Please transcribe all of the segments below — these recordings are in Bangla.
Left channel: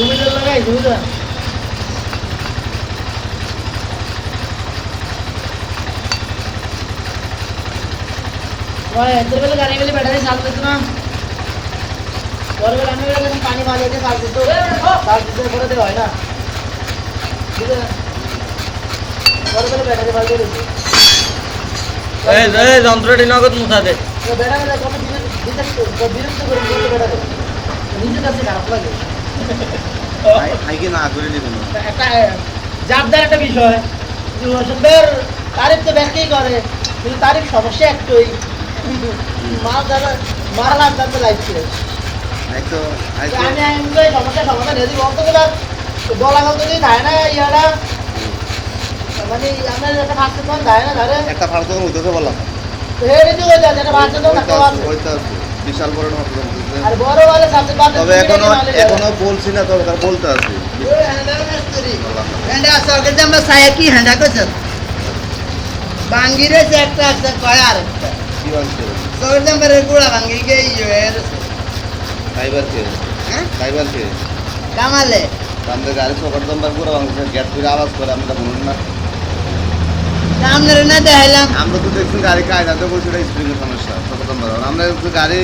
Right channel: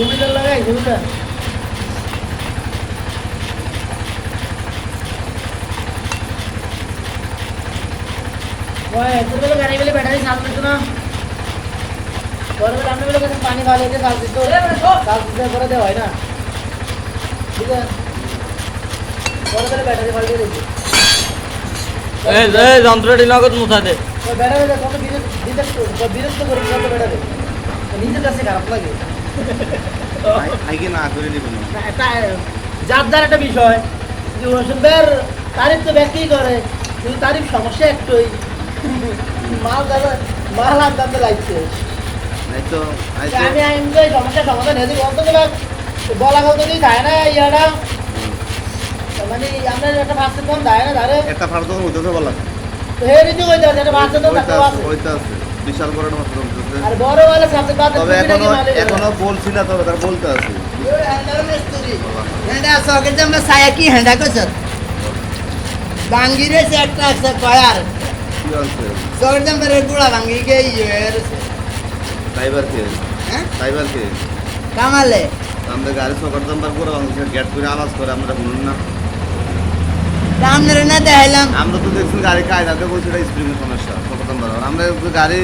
মিটার লাগাই বুঝা ওই তোর বলে গাড়ি বলে ব্যাটারি চার্জ করতে না পরে বলে আমি বলে যখন পানি ভালো হয়েছে চার্জ দিতে করে দেওয়া হয় না ঠিক আছে পরে বলে ব্যাটারি ভালো করে দিচ্ছে এই যন্ত্রটি নগদ মুছা দে ব্যাটারি কত বিরক্ত করে ব্যাটারি নিজের কাছে খারাপ লাগে আইকে না করে দিবেন একটা যার একটা বিষয় হোসেনদের তারিফ তো ব্যাংকেই করে কিন্তু তারিফ সমস্যা একটাই মাল যাবে মারালাম দামে লাগছে এই তো আমি এনজয় সমস্যা সমাধান হেদি বলতে গেলে বলা গেল যদি যায় না ইয়াটা মানে আমরা একটা ফার্স্ট কোন যায় না ধরে একটা ফাড় তো উঠেছে বললাম হেরি তুই ওই একটা ফার্স্ট তো ওইটা টাকা আছে ওইটা বিশাল বড় না উঠেছে আর বড় वाला সাবজেক্ট বাদ তবে এখনো বলছি না তবে তার বলতে আছে হেন্ডা সরকার যে আমরা সায়া কি হেন্ডা করছে বাঙ্গিরে সে একটা আছে কয়ার কি বলছে সরকার যে আমরা গুড়া বাঙ্গি গে ইয়ের ফাইবার কে হ্যাঁ ফাইবার কে কামালে আমরা গাড়ি সকাল জম্বার পুরো বাংলাদেশে গেট করে আওয়াজ করে আমরা শুনুন না সামনে না দেখাইলাম আমরা তো দেখছি গাড়ি কায়দাতে বসে স্প্রিংয়ের সমস্যা সকাল জম্বার আমরা যদি গাড়ি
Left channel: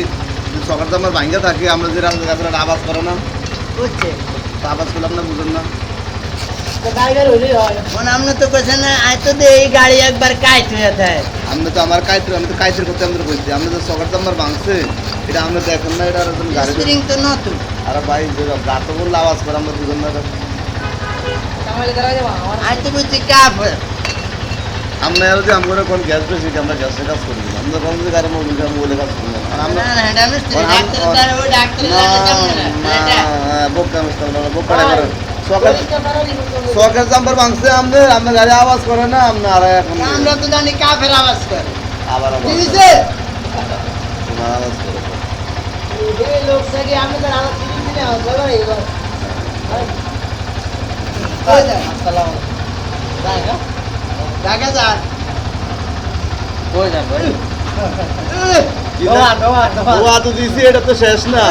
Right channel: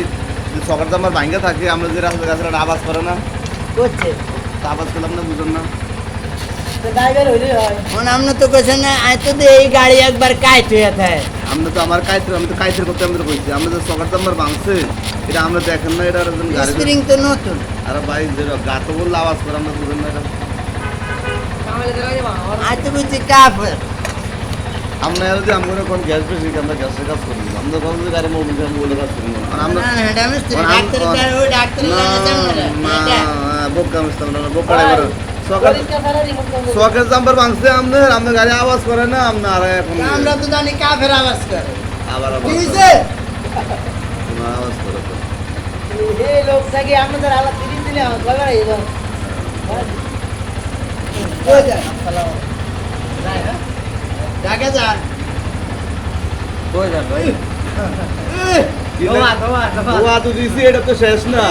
সকাল জম্বার ভাঙ্গা থাকি আমরা যে রাস্তা গাছের আওয়াজ করে না করছে তো আওয়াজ করলে আমরা বুঝেন না তো গাড়ি হইলে হয় মানে আমরা তো কইছে না আই তো দে এই গাড়ি একবার কাইট হয়ে থাকে আমরা তো আমার কাইতের আমি তো কাইতের করতে আমরা বলছি আমরা যে সকাল জম্বার ভাঙছে এটা আমরা দেখেন না এটা এরকম গাড়ি স্প্রিং তো নতুন আর ভাই যে গাতে বললে আওয়াজ করে আমরা বুঝেন না এটা কামালে দাঁড়া যাবা আই তো বুঝছি কাফের আমরা আর যে আমরা কোন গ্যাস বেশি আমরা গ্যাসের কাজ করি না আমরা কোন গাড়ি মোবিল কাজ মোবিল কাজ করি না আমরা না হেন্ডা মিস্ত্রি ডাক্তার তার ওই ডাক্তার না বোকা মিস্টার না বোকা করে সকাল সকাল জাম্বার ভাঙছে আমরা গাড়ি আওয়াজ করে না আমরা আর এখন আমরা তো জানি কাফের আওয়াজ করে আবার কি আবার হইছে তোমার আওয়াজ করে এই লোক থেকে আমাদের আলাদা তিন দিনে হবে এবার কই যায় আসসালামু যায় না জায়গা যান কই যা ভাই ও তো দিছি এটা তো শেষ না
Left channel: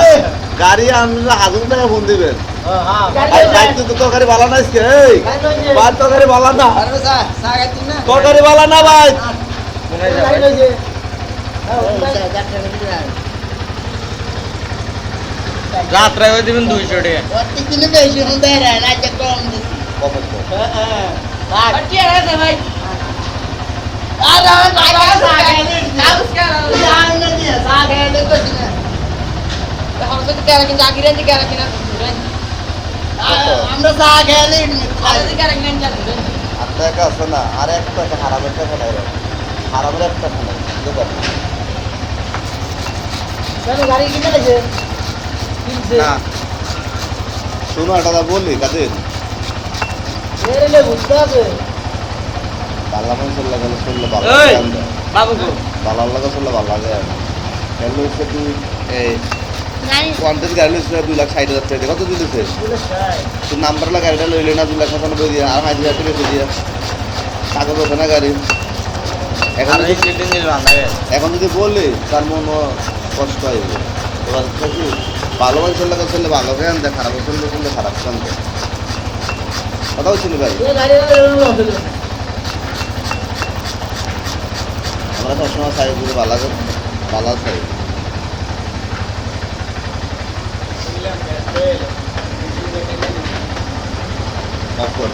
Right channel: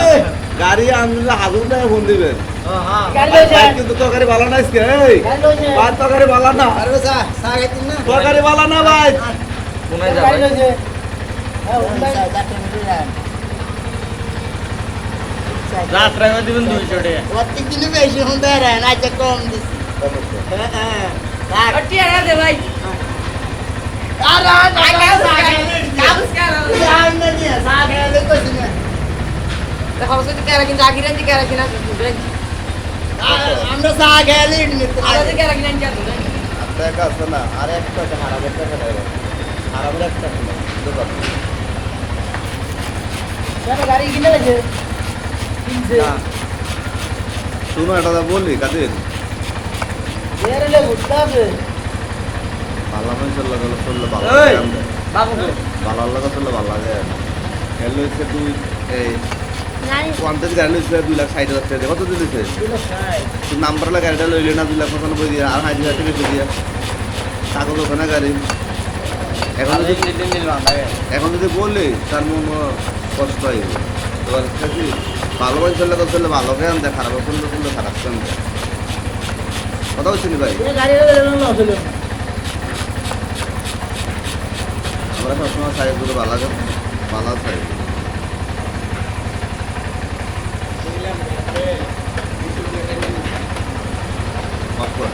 গাড়ি আমরা হাজার টাকা ফোন দিবেন গাড়ি তো গাড়ি ভালো না আজকে এই বাদ তো গাড়ি ভালো না আরে স্যার চা খাইতেন না তো গাড়ি ভালো না ভাই কোনে যা গাড়ি ভাই লইছে রাত্রে হয়ে দিবেন 200 টাকা ওতে কিলো বেশি হতে রে না যে কম কত হ্যাঁ আটি আর দে ভাই আরে কাগজ কাগজ আর না দিয়ে চা খাইতে কইছ না খরচ দিতে আর কিন্তু আগিরে দিকে আর কিনা আমরা চা খাইলে আলাদা দিকে আর কিনা চাল আর টাকা আছে না আর এক টাকা হারামের টাকা নেই হারামের এক টাকা নেই বুঝতে কেন গাড়ি কিনে লাগছে কিনছে না শুনো এটা বললি কাদের এরে বুঝতে হবে বাংলা মানুষের লাগে শুনলে ভালো এই! লাগে আমরা বাবু কো ভালো লাগে শুনলে ভালো লাগে গেল হচ্ছে তুই এই নাই কোয়ান্টিস গাড়ি লইছে 2,60,000 টাকা কত দিলিছে বলে স্যার তুই নাম্বারলা গাড়িটা লইলে না 2,95,000 দিয়ে আর 5,000 টাকা দিয়ে কাগজ ওখানে গাড়ি এখন আমি যদি কিনে নিল বানাবে এখন যদি বললি তার মনে কষ্ট হয় এবার কি ভালো চললে চললে ভালো কেন দেয় খারাপ চললে খারাপ কেন দেয় কথা হচ্ছে নি ভাই এই গাড়িটা এরকম আসলে আমরা সবসময় চাই করে ভালো চাই অফ কর